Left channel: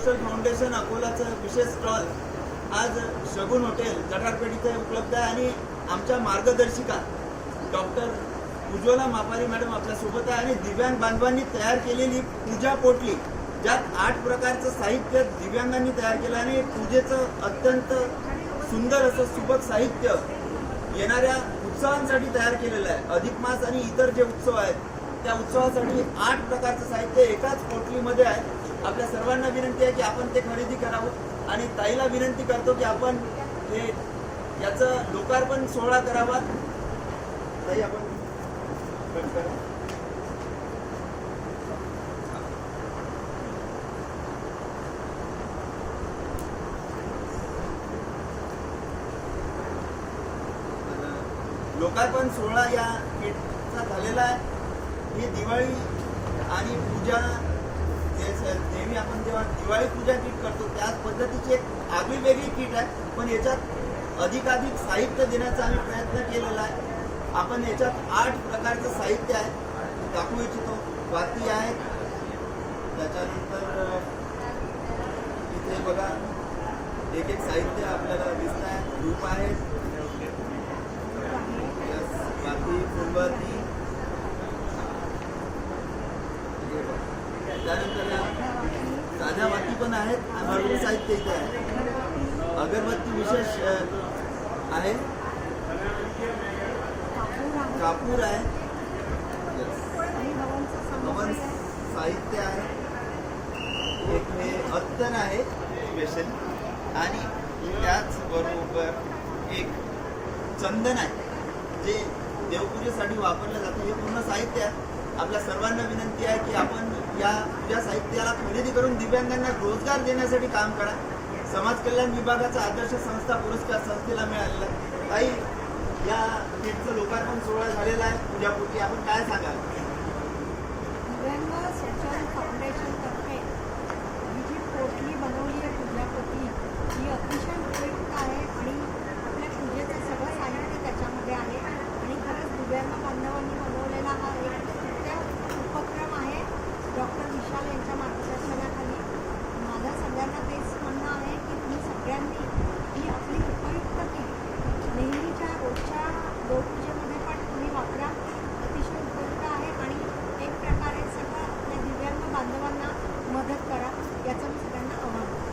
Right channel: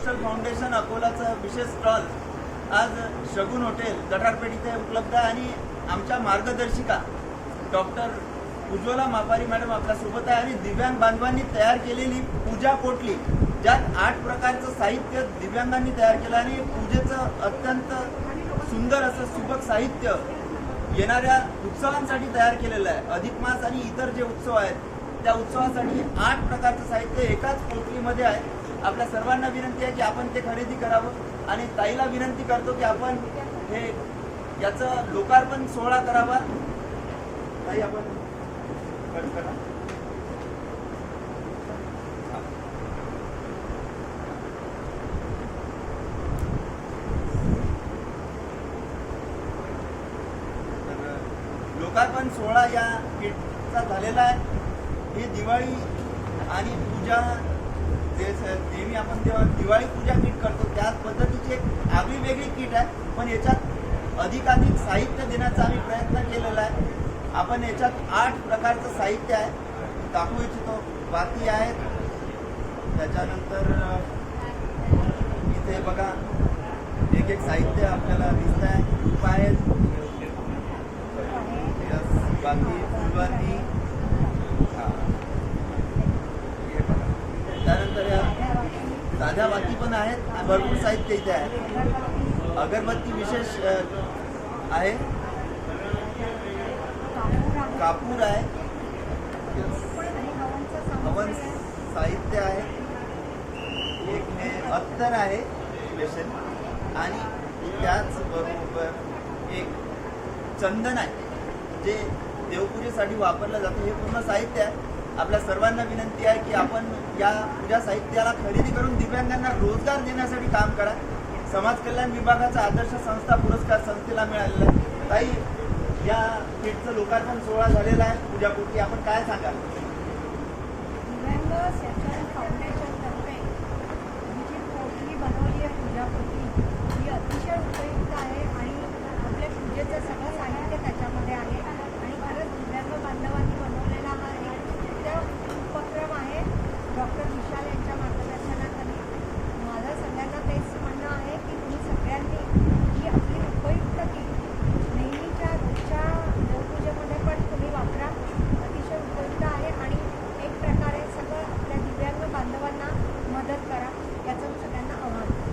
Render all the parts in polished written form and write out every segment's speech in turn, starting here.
Social foundation अकोलाचं विशेष stall आज शगुन hotel जटारपेठ इथे उपलब्ध आहे आणि आमच्या मार्गदर्शिका डॉक्टर उज्ज्वला मापारी मॅडम आपल्यासोबत आहे आणि दिव्यांग बांधवांनी तयार केलेली पूजा पोटली ज्यात 8 प्रकारचं साहित्य दिव्यांगांनी तयार केलं आणि पूजेचं अत्यंत सुंदर असं सुबक साहित्य येणाऱ्या उत्सवांसाठी तयार केलेलं आहे। अधिक मास आणि इतर जे उत्सव आहेत त्या उत्सवासाठी 8 प्रकारचं साहित्य एकाच पोटलीमध्ये आहे। आपल्या सर्वांना विनंती आहे की आपण ते खरेदी करावं आणि ताईला विनंती करतो की आपण हे याचं लोकार्पण सोहळा करावा। ताई आपण करा। लोकार्पण सोहळा या किटचा झालेला आहे। ही दिवाळी आणि पूजा नेहमी आपण जेव्हा दिवाळी पूजा किट करतो त्याच पद्धतीची एक आगळी वेगळी किट आहे, पण याच्यात अधिकाधिक साहित्य देण्याचा आम्ही प्रयत्न केलेला आहे। आपण याच्यात 8 प्रकारचं साहित्य आहे दाखवू इच्छितो। वाती आहेत, त्याच्यानंतर इथे बघा एक एक साहित्य आपल्याला दिसत आहे। धूप आहेत, वाती, फुलवाती, त्यानंतर साध्या वाती पण आहेत आणि भरपूर साहित्य इथे आहे। अगरबत्ती विशेष आहे, कापूर आहे, हवन साहित्य आहे, एक हे अत्तर आहे स्पेशल आणि त्याचबरोबर एक चंदन आहे जे देवपूजेसाठी वापरलं जातं। हे पूर्ण साहित्य आहे। आपल्या सर्वांना विनंती आहे की आपण या साहित्याला खरेदी करून दिव्यांगांना रोजगार देण्यासाठी काम करा। समाज कल्याण विभागाचा आदर्श संस्था पुरस्कार संस्थेला मिळालेला आहे। काही या किटचं लोकार्पण सोहळा झालेला आहे पूजापोटी, आपण काय सांगाल? दिव्यांग सोशल फाउंडेशन तर्फे ही जी पोटली बनवली आहे पूजापोटली ही अतिशय उपयुक्त आहे आणि आपल्या पूजेचं सगळं साहित्य त्याच्यामध्ये आहे आणि खरंच दिव्यांग बांधवांनी बनवलेला हा एक उत्तम उपक्रम आहे। डॉक्टर विशाल यांच्या मार्गदर्शनाखाली माझं सगळ्यांना तेच म्हणणं आहे की तुम्ही सगळ्यांनी ही आपली उपयुक्त किट नेहमीच्या रोजच्या देवपूजेमध्ये पण तुम्ही वापरा। अतिशय उपयुक्त आहे आणि एक प्रकारे सगळं आपल्या दिव्यांग बांधवांना मदत करा याचं मी सगळ्यांना आवाहन करतो।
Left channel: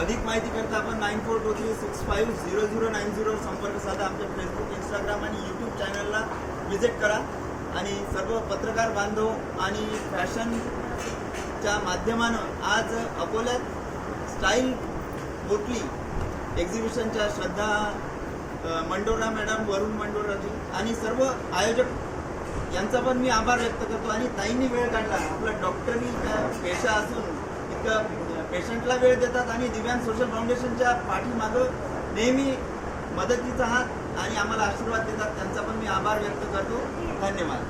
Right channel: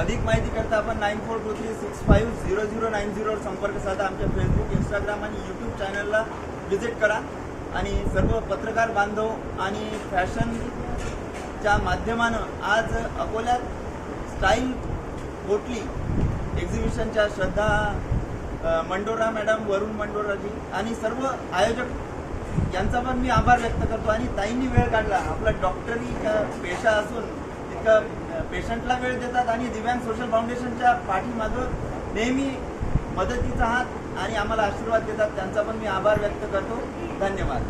अधिक माहिती करता आपण 9423650090 वर संपर्क साधा। आमच्या फेसबुक, इंस्टाग्राम आणि यूट्यूब चॅनलला व्हिजिट करा आणि सर्व पत्रकार बांधव आणि फॅशनच्या माध्यमानं आज अकोल्यात स्टाईल पोटली एक्झिबिशनच्या श्रद्धा मंडोरा मॅडम, वरुण मंडोराजी आणि सर्व आयोजक यांचा पण मी आभार व्यक्त करतो आणि ताईंनी वेळ काढला। आपला डॉक्टरी पेशा असून इतकं पेशंटला वेळ देतात आणि दिव्यांग सोशल फाउंडेशनच्या पाठीमागं नेहमी मदतीचा हात आणि आम्हाला आशीर्वाद देतात, त्यांचा पण मी आभार व्यक्त करतो। धन्यवाद।